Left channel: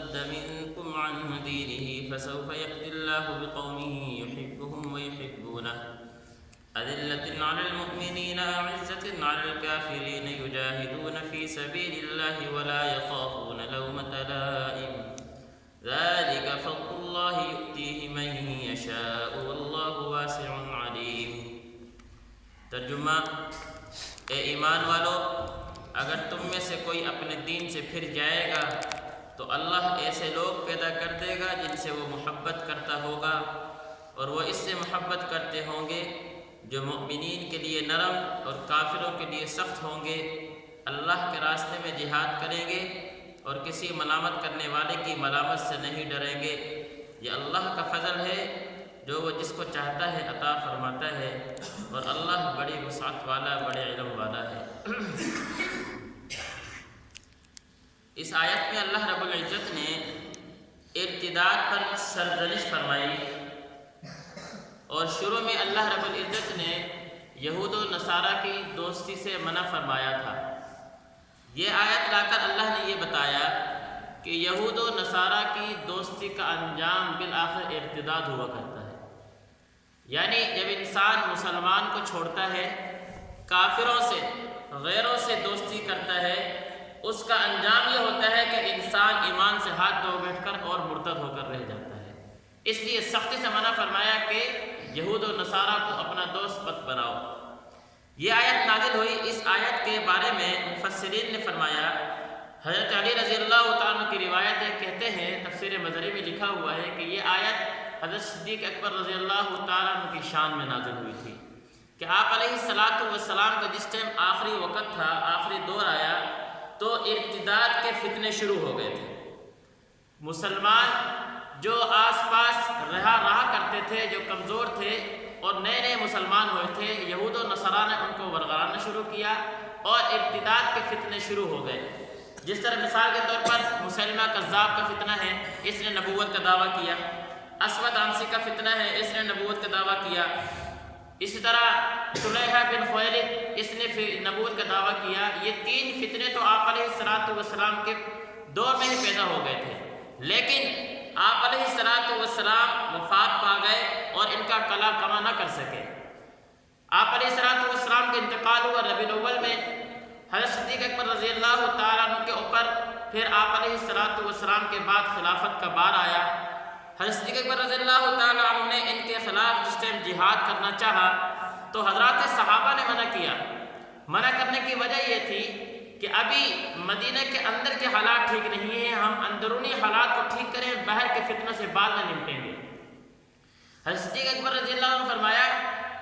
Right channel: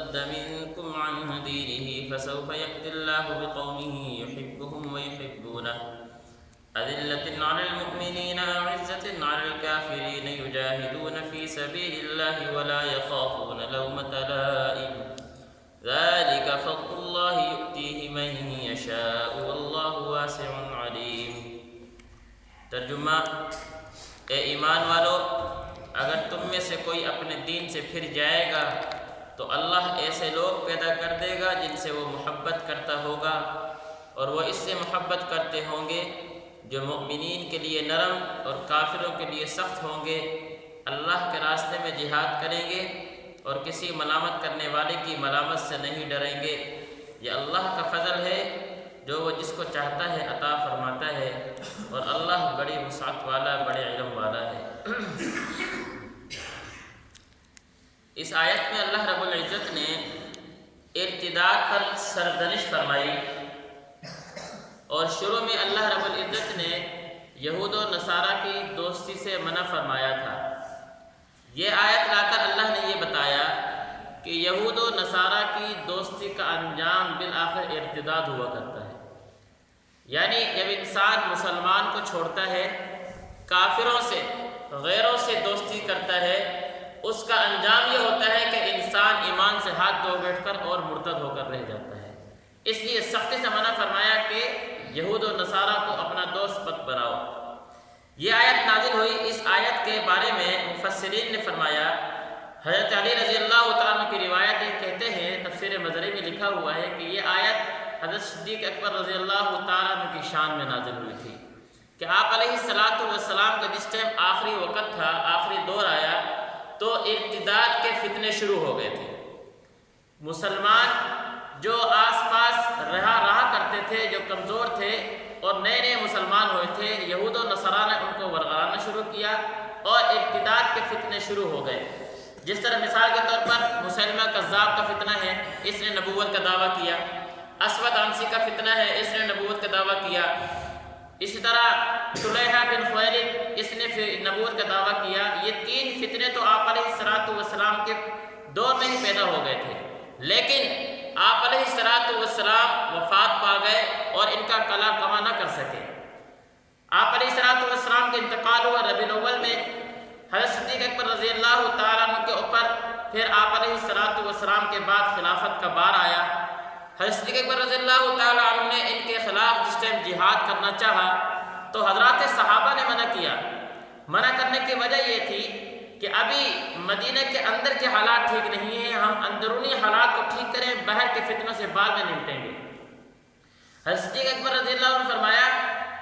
يرتد منكم عن دينه فسوف يأتي الله بقوم يحبهم ويحبونه أذلة على المؤمنين أعزة على الكافرين يجاهدون في سبيل الله ولا يخافون لومة لائم ذلك فضل الله يؤتيه من يشاء والله واسع عليم۔ ترجمہ: اے ایمان والو، اگر تم میں سے کوئی اپنے دین سے پھر جائے گا تو اللہ ایسے لوگ پیدا کر دے گا جن سے وہ محبت کرتا ہوگا، اور وہ اس سے محبت کرتے ہوں گے جو مؤمنین کے لیے نرم اور کافروں کے لیے سخت ہوں گے۔ اللہ کے راستے میں جہاد کریں گے اور کسی ملامت کرنے والے کی ملامت سے نہیں ڈریں گے۔ یہ اللہ کا فضل ہے جو وہ جس کو چاہتا ہے عطا فرماتا ہے، اور اللہ بڑی وسعت والا، بڑے علم والا ہے۔ اس آیت میں اللہ رب العزت نے ارتداد پر سرزنش فرمائی، اور شروع میں اللہ رب العزت نے یہود و نصارہ کی دوستی سے منع فرمایا تھا۔ یہ آیت لا کر اللہ نے یہ بتایا کہ یہود و نصارہ کی دوستی کا انجام بالآخر ارتداد ہوا کرتا ہے، یعنی جب انسان مسلمان کو چھوڑتا ہے، کافروں سے، غیروں سے دوستی کرتا ہے، اس کا انجام یہ ہوتا ہے کہ انسان ایمان سے ہاتھ دھو بیٹھ کر اور مرتد ہو کر رہ جاتا ہے۔ اس لیے سختی سے منع فرمایا کہ یہود و نصارہ کو اپنا دوست مت بناؤ۔ یہ آیت نازل ہوئی۔ اس آیت کے بارے میں مفسرین نے فرمایا، حضرت علی رضی اللہ تعالیٰ عنہ کی روایت ہے، کہتے ہیں تفسیر مظہری میں لکھا ہوا ہے کہ یہ آیت حضرت صدیق اکبر رضی اللہ تعالیٰ عنہ کی شان میں نازل ہوئی تھی کہ آپ علیہ السلام کا جس ٹائم آخری وقت تھا، آخری دور آیا، تو ارتداد کے فتنے شروع ہو گئے تھے۔ مسلمان جو آس پاس رہا کرتے تھے، جو کمزور تھے اور نئے نئے مسلمان ہوئے تھے، یہود و نصارہ نے ان کو ورگلانا شروع کیا اور ارتداد کے فتنے شروع ہو گئے۔ جس طرح مثال کے طور پر مسلمہ کذاب کا فتنہ ہے، اس نے نبوت کا دعویٰ کیا۔ اسود عنسی کا فتنہ ہے، اس نے نبوت کا دعویٰ کیا۔ اسی طرح طلحہ بن خویلد، اس نے نبوت کا دعویٰ کیا۔ یہ تین فتنے تو آپ علیہ السلام کے دور میں ہی پیدا ہو گئے تھے، لیکن آپ علیہ السلام وفات پا گئے اور ان کا قلع کما نہ کر سکے۔ آپ علیہ السلام کا انتقال ہوا ربیع الاول میں۔ حضرت صدیق اکبر رضی اللہ تعالیٰ عنہ کے اوپر پھر آپ علیہ السلام کے بعد خلافت کا بار آیا۔ حضرت صدیق اکبر رضی اللہ تعالیٰ عنہ نے ان کے خلاف جس ٹائم جہاد کرنا چاہا تو حضرات صحابہ نے منع کیا۔ منع کرنے کی وجہ یہ تھی کہ ابھی مدینہ کے اندر کے حالات ٹھیک نہیں ہیں، ہم اندرونی حالات کو ٹھیک کریں، باہر کے فتنوں سے بعد میں نمٹیں گے۔ حضرت صدیق اکبر رضی اللہ عنہ نے فرمایا،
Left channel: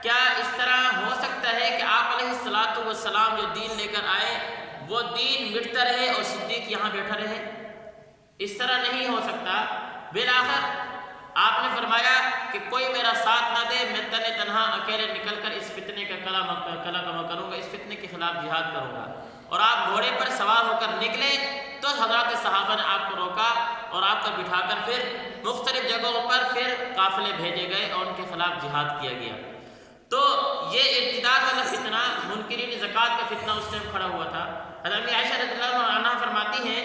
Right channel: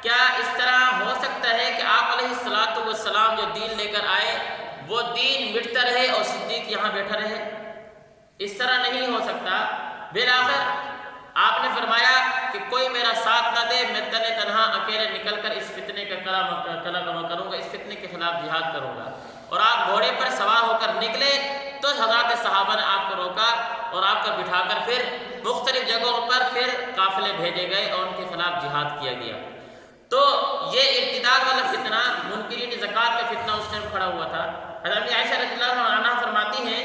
کیا اس طرح ہو سکتا ہے کہ آپ علیہ السلام جو دین لے کر آئے وہ دین مٹتا رہے اور صدیق یہاں بیٹھا رہے؟ اس طرح نہیں ہو سکتا۔ بالآخر آپ نے فرمایا کہ کوئی میرا ساتھ نہ دے، میں تنہا اکیلے نکل کر اس فتنے کا قلع کما کروں گا، اس فتنے کے خلاف جہاد کروں گا۔ اور آپ گھوڑے پر سوار ہو کر نکلے تو حضرات صحابہ نے آپ کو روکا اور آپ کو بٹھا کر پھر مختلف جگہوں پر پھر قافلے بھیجے گئے اور ان کے خلاف جہاد کیا گیا۔ تو یہ ارتداد والا فتنہ، منکرین زکوٰۃ کا فتنہ اس ٹائم کھڑا ہوا تھا۔ حضرت عائشہ رضی اللہ عنہا فرماتی ہیں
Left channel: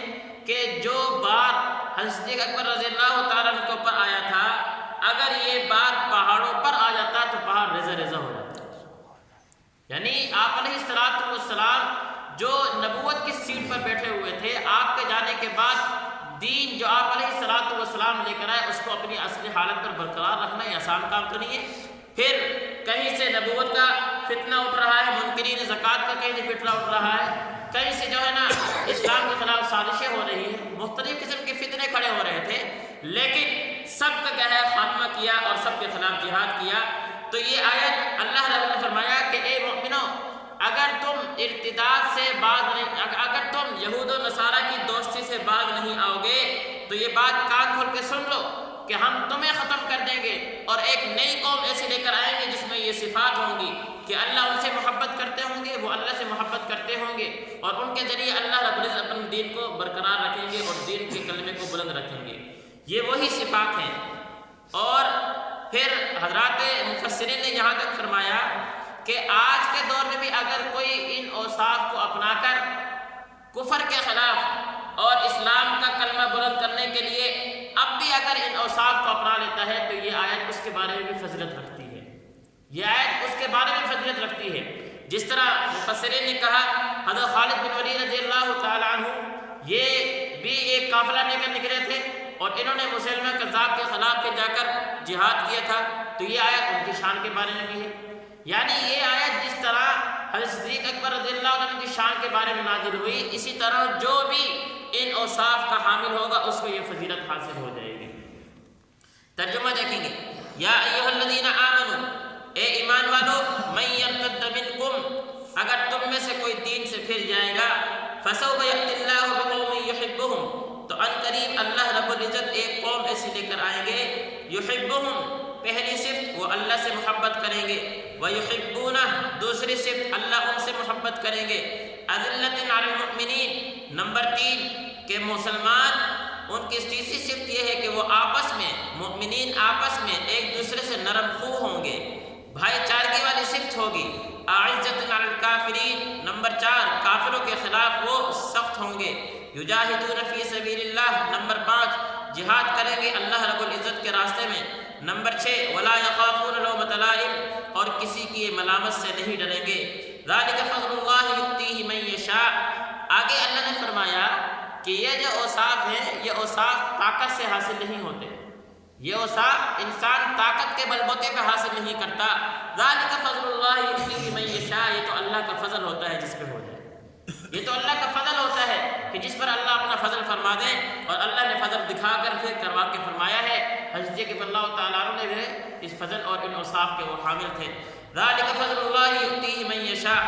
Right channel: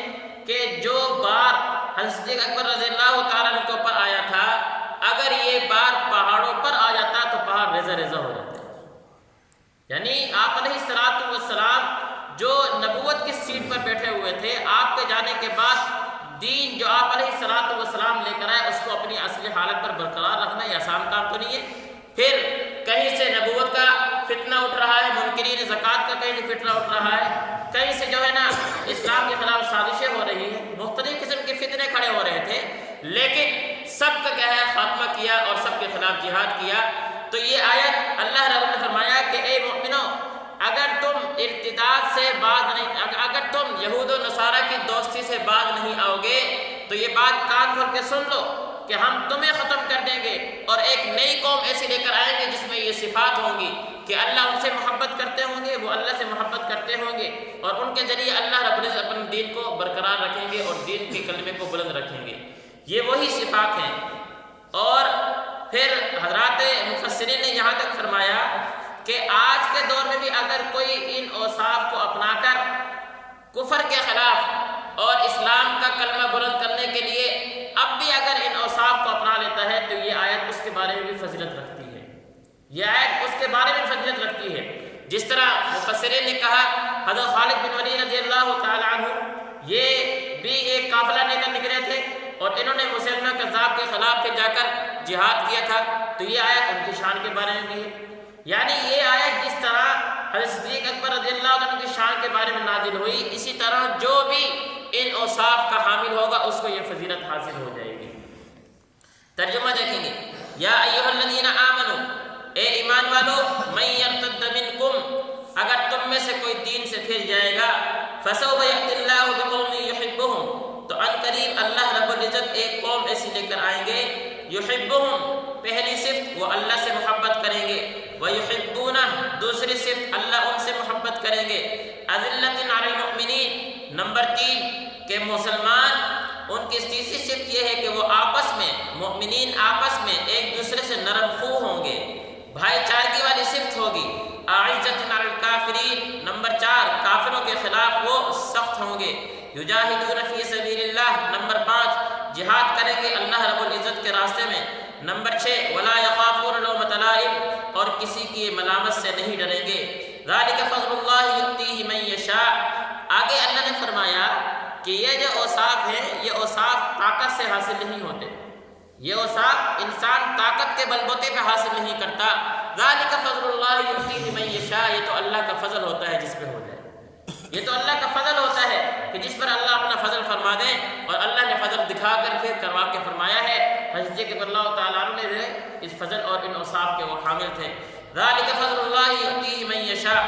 کہ جو بار حضرت صدیق اکبر رضی اللہ تعالیٰ عنہ کے اوپر آیا تھا، اگر یہ بار پہاڑوں پر آ جاتا تو پہاڑ ریزہ ریزہ ہو جاتے۔ یعنی آپ علیہ السلام جو نبوت کی سیٹ پر بیٹھے ہوئے تھے، آپ کے جانے کے بعد دین جو آپ علیہ السلام لے کر آئے اس کو اپنی اصلی حالت پر برقرار رکھنا یہ آسان کام تو نہیں ہے۔ پھر کہیں سے نبوت کا فتنہ اٹھ رہا ہے، منکرین زکوٰۃ کا کہیں سے فتنہ اٹھ رہا ہے، کہیں سے جو ہے نا اسلام کے خلاف سازشیں ہو رہی ہیں، مختلف قسم کے فتنے کھڑے ہو رہے تھے، لیکن سب کا کیا ہے خاتمہ کیا اور سب کے خلاف جہاد کیا۔ تو یہ آیت اللہ رب نے فرمایا کہ اے مومنو، اگر تم ارتداد سے باز نہیں، اگر تم یہود و نصارہ کی دوستی سے باز نہیں آؤ گے تو یہ بات کان کھول کے سن لو کہ ہم تمہیں ختم کر دیں گے اور ایک نئی قوم ایسی لے کر آئیں گے جس میں یہ صفات ہوں گی کہ اللہ ان سے محبت کرتے ہوں گے، وہ اللہ سے محبت کرتے ہوں گے، اور ان کے ذریعے اللہ رب العزت اپنے دین کو برقرار رکھیں گے اور دین کے کلمے کو بلند رکھیں گے۔ یہ وہی صفات ہیں۔ اور پھر حضرات مفسرین نے یہاں تک فرمایا کہ آج کے دور میں بھی اگر کوئی ان اوصاف کو اپنا کر کفر کے خلاف اور اسلام کا کلمہ بلند کرنے کے لیے اب بھی اگر ان اوصاف کو اپنا لیتا ہے تو یہ آیت اس کے بارے میں بھی فضیلت رکھتی ہے، یہ آیت اس کے بارے میں فضیلت رکھتی ہے۔ جس طرح مفسرین نے کہا حضرت خالد بن ولید رضی اللہ تعالی عنہ یہ بھی ایک قافلہ لے کر نکلے تھے اور انہوں نے مسلمہ کذاب کے خلاف پہ جا کر جہاد کیا تھا، تو یہ آیت ان کی شان کے بارے میں بھی ہے۔ یعنی یہ آیت جس طرح حضرت صدیق اکبر رضی اللہ عنہ کی شان کے بارے میں نازل ہوئی، اسی طرح جو بھی ان اوصاف کا حامل ہوگا اس کو یہ فضیلت حاصل ہو جائے گی۔ ترجمہ دیکھیں گے، یا ایھا الذین آمنو، اے ایمان والو، من یرتد منکم، اگر تم میں سے کوئی دین سے پھر جائے گا، فسوف یأتی اللہ بقوم یحبہم، تو ان قریب اللہ رب العزت ایک قوم ایسی لے کر آئیں گے، یحبہم پہلی صفت وہ اللہ سے محبت کریں گے، ویحبونہ دوسری صفت اللہ ان سے محبت کریں گے، اذلۃ علی المؤمنین نمبر 3 کہ مسلمان ان کی تیسری صفت یہ ہے کہ وہ آپس میں مؤمنین آپس میں ایک دوسرے سے نرم خو ہوں گے، بھائی چارگی والی صفت ہوگی، اعزۃ علی الکافرین نمبر 4 کافروں کے خلاف وہ سخت ہوں گے، یجاہدون فی سبیل اللہ نمبر 5 جہاد کریں گے اللہ رب العزت کے راستے میں، نمبر 6 ولا یخافون لومۃ لائم اور کسی کی ملامت سے نہیں ڈریں گے، ذالک فضل اللہ یؤتیہ من یشاء۔ آگے اللہ نے فرمایا کہ یہ جو اوصاف ہیں یہ اوصاف طاقت سے حاصل نہیں ہوتے، یہ اوصاف انسان طاقت کے بلبوتے پہ حاصل نہیں کرتا، ذالک فضل اللہ یؤتیہ من یشاء، یہ تو اللہ کا فضل ہوتا ہے جس پہ ہو جائے، یہ تو اللہ کا فضل ہوتا ہے کہ جس پر اللہ اپنا فضل فرما دیں، اور اللہ نے فضل دکھا کر پھر کروا کے فرمایا ہے، حضرت کہ اللہ تعالیٰ عنہ نے بھی اس فضل اور ان اوصاف کے وہ حامل تھے۔ ذالک فضل اللہ یؤتیہ من یشاء،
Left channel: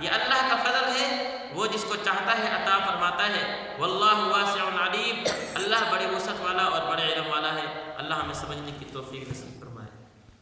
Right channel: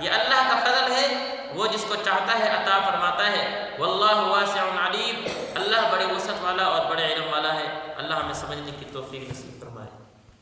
یہ اللہ کا فضل ہے، وہ جس کو چاہتا ہے عطا فرماتا ہے، واللہ واسع علیم، اللہ بڑی وسعت والا اور بڑے علم والا ہے۔ اللہ ہمیں سمجھنے کی توفیق نصیب فرمائے۔